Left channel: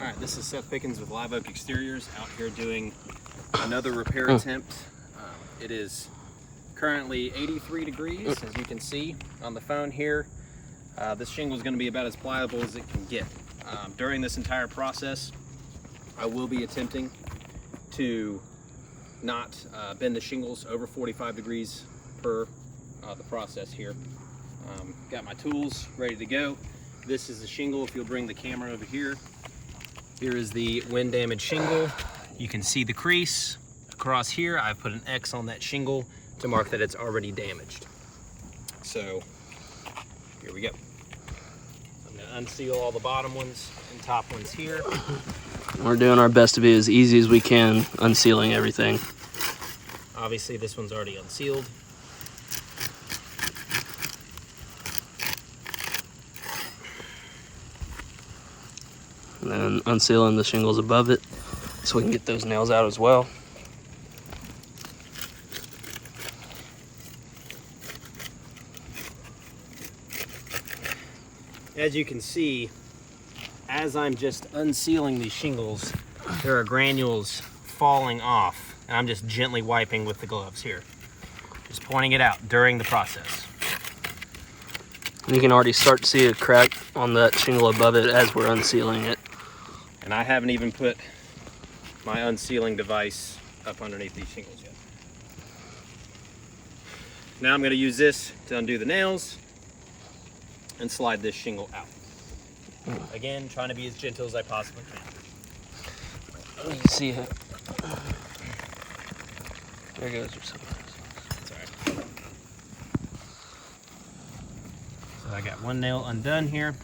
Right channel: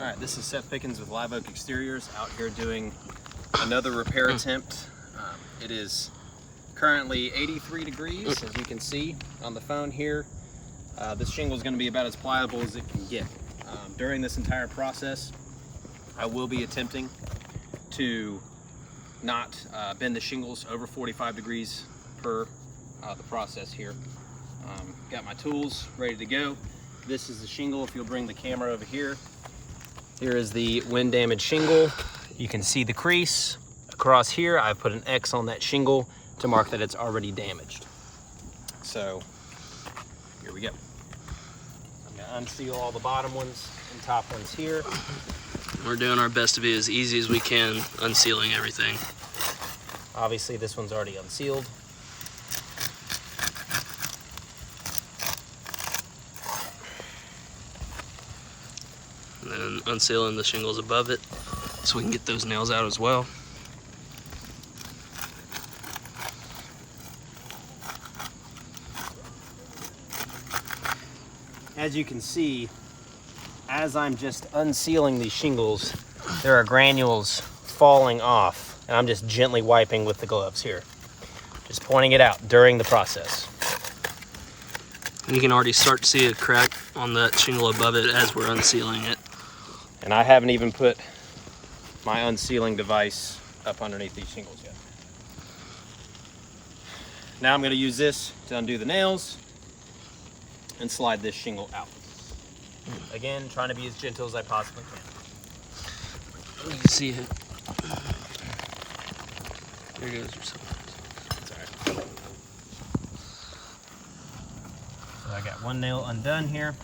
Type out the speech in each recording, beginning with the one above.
All right, this is Seth Pickens with Live Oak Exteriors out here doing another repair attempt. It is currently 83 degrees, as you can see on the phone here. This shingle is going to be about as pliable as it can get. During this entire process, I will be attempting to not bend the shingles over 45 degrees per the process here. Got my tools ready to go. This is the shingle. If you'll bring the camera over here. Here is the wind damaged shingle. You can see the crease across here. I've put an X on that shingle to mark that it's already damaged. So here we go. I'm gonna unseal all the bottom ones and top ones here. We're doing our best to be as easy as we can unsealing everything. Obviously this one's already unsealed. And then unsealing the shingles above it so we can get those nails out as well. As you can see, as I'm just unsealing these shingles, there are granules falling off, and I'm just gently wiping with the gloves here. Just pointing it out during the process. And you can already start to see a crack on that shingle above it as we're unsealing it. And I haven't even put my unsealing device up underneath these shingles yet. Now I'm going to use this to undo the nails and slide this shingle out. Again, trying to be as gentle as I possibly can. You can see it. There goes your something. That's all right. So I got one nail undone here.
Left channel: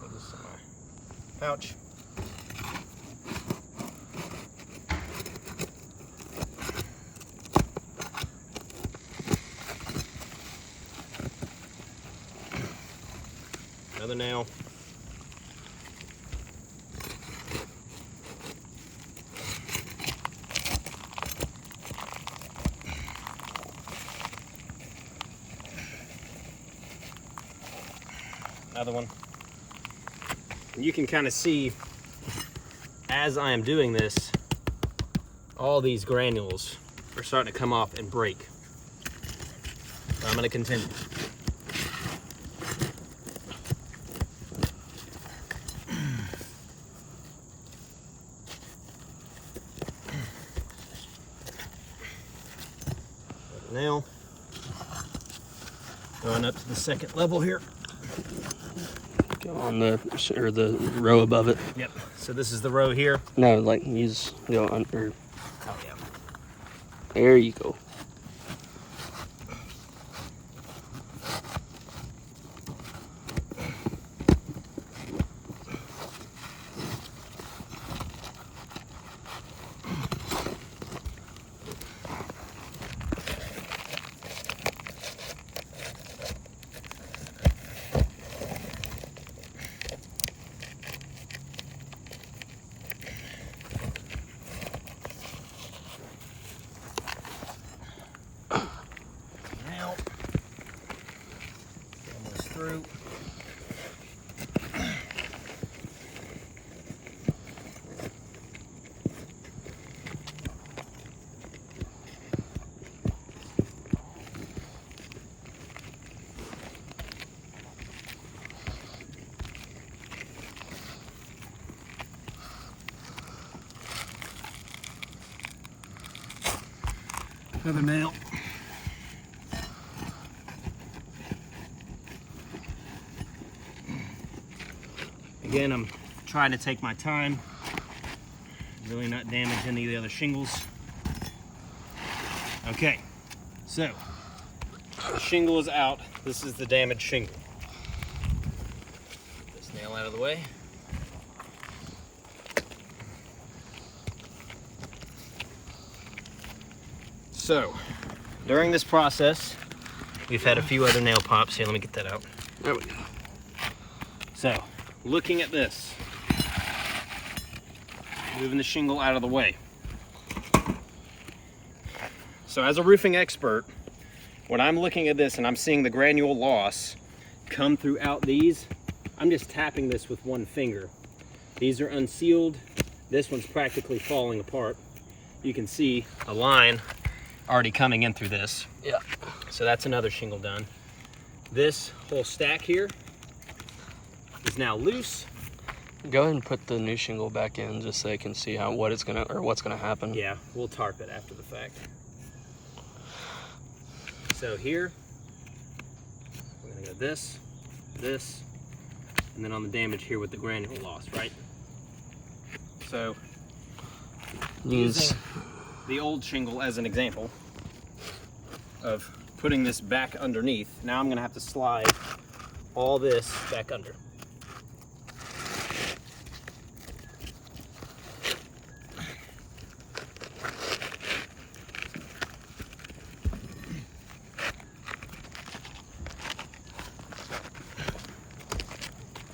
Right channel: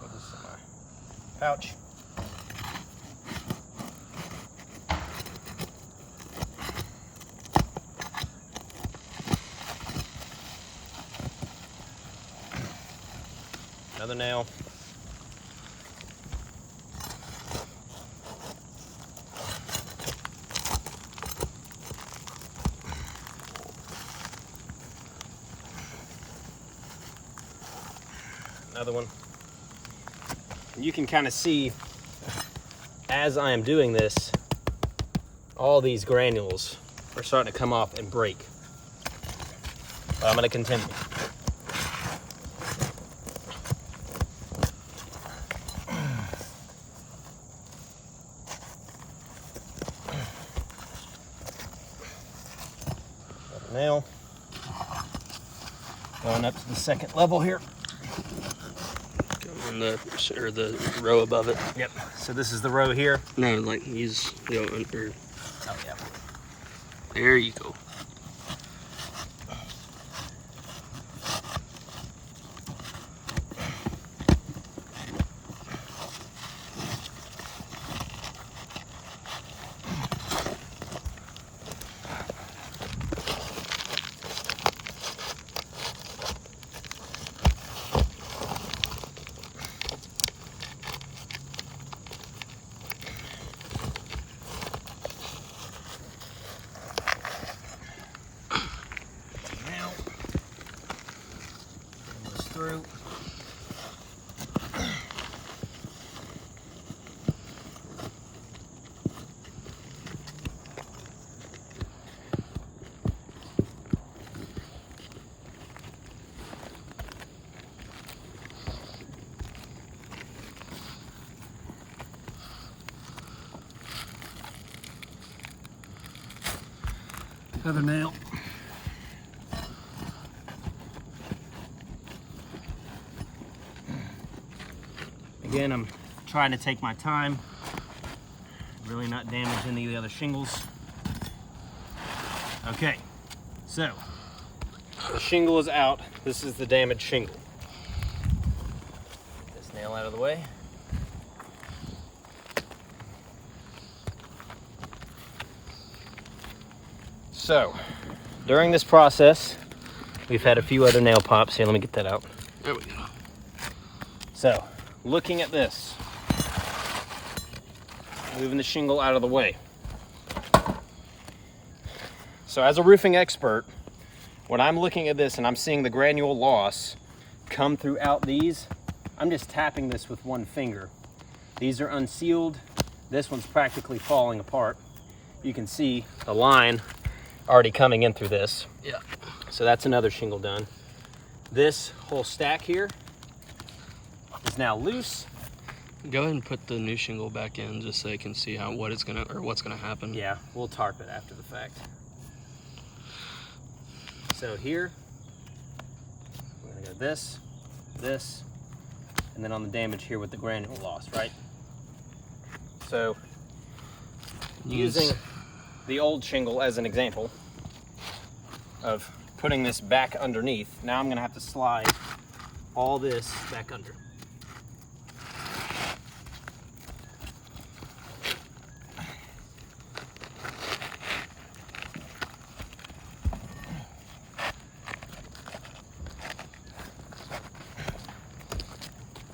Put this in my pouch. Another nail. Another one. And you can kind of see as I am doing this, all these granules are starting to come off and break. But I'm going to continue. Nail. Going up to the second level here. Go on the row above it. Yep. So this is the row here. No, like use go under. Oh yeah. There you go. Through. Another nail. Again, I'm trying to take my time, really not damage any of the other shingles. Okay, so the shingle is out. This is the damaged shingle. Get this nail out of the way. So, during this process, we've had a few other nail pops. Here, let me get that out. There we go. So, looking at this, moving the shingle out of the way. So as a roofing expert, when I'm looking at this and I'm seeing the granule loss come throughout these, I'm just tapping this with one finger. These are unsealed. This one's practically falling apart. You can see a line already coming in through this. Yeah. So that's another shingle done. This whole stack here is now loose. Go ahead and put the new shingle back in just so they can see what's gonna happen. Yeah, we'll tarp it after the fact. So here, we're gonna go this, and then on the damage here with the granule loss, right? So using the old shingle as an example of putting this back underneath, now I'm gonna have to slide all this back under.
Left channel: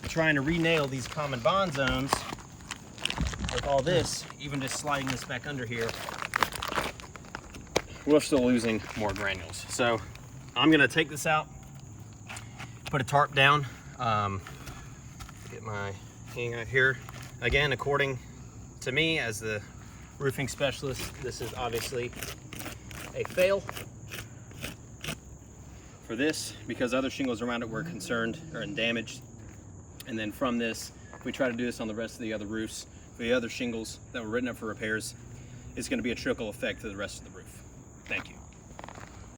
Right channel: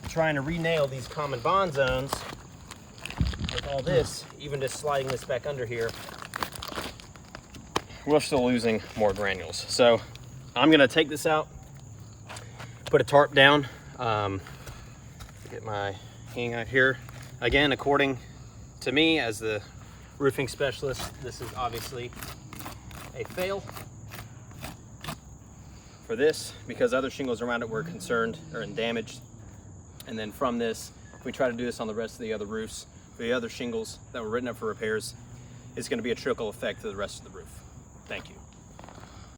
Trying to re-nail these common bond zones with all this, even just sliding this back under here, we're still losing more granules. So I'm gonna take this out, put a tarp down, get my hang out here. Again, according to me as the roofing specialist, this is obviously a fail for this because other shingles around it were concerned or in damage. And then from this, we try to do this on the rest of the other roofs. For the other shingles that were written up for repairs, it's going to be a trickle effect to the rest of the roof. Thank you.